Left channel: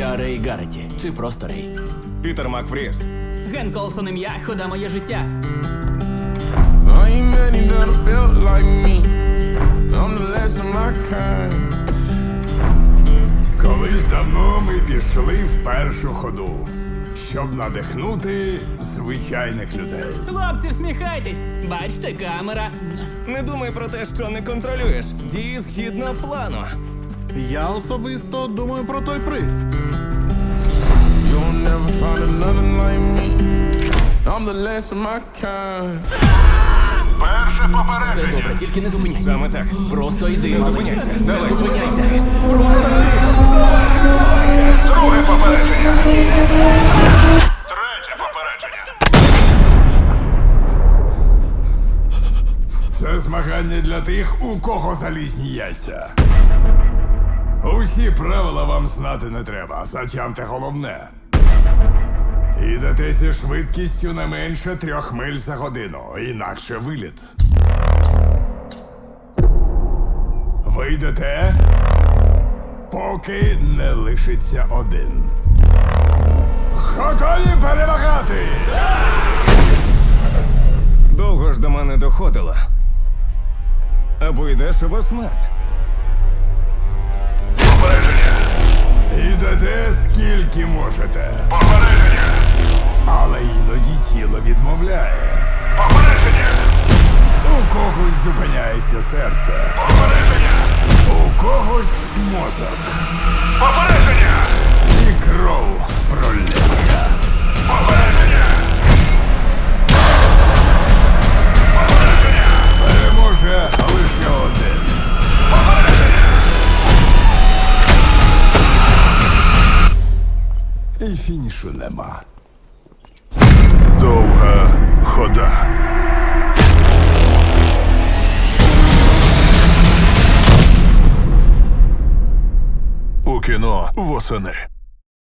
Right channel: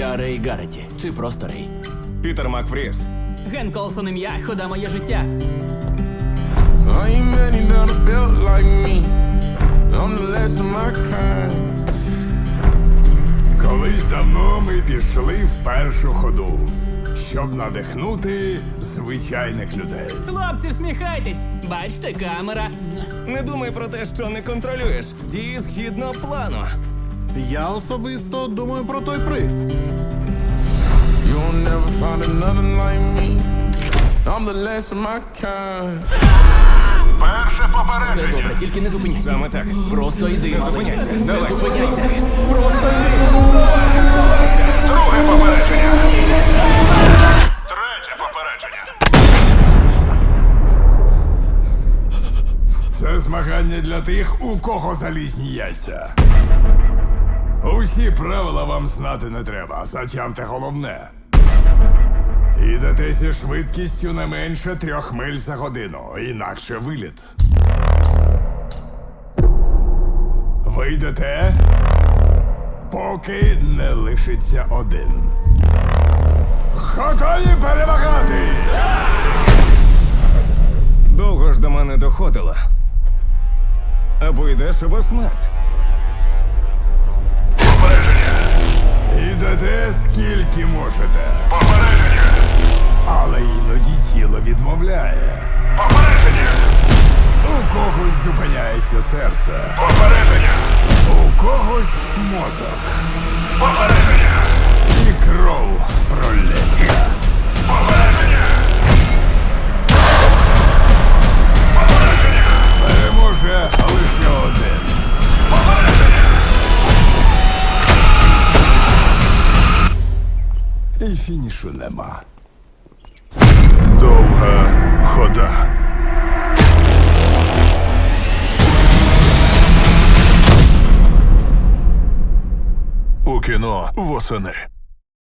Я Рей Гарреті. Чи просто Рей. Пітер Макфріс. Ген Колсон ім'я, хода моє життя. Колись давно ми пішли в першу ходу, щоб надихнути звичайних людей. Хлопці, всміхайтесь. Бачте, камера. Не думай про те, що не контролюєш. Дії згідно плану. Я особисто думаю про той приз. You'll never Перше Все попередження. добре, тільки не зупиняйся. Саме так. Просто йди. Не зупиняйся. Не зупиняйся. Просто йди. Друге попередження. Третє попередження. Це змагання для тих, у кого залізні яйця. Всі правила вам знати не треба, затямте головне. Їдете зі швидкістю не менше трьох миль за годину, інакше виліт. Вийдете, поки не лишиться один. Готові перемагати! Довго ж до мене доходило. Або йдеш, або смерть. Їдете скільки можете. Попередження! Але іноді тіло відмовляє. Попередження! У когось зупиняється серце. Попередження! У когось мозок. Попередження! І фінішу нема. Довга хода. У кіно восени.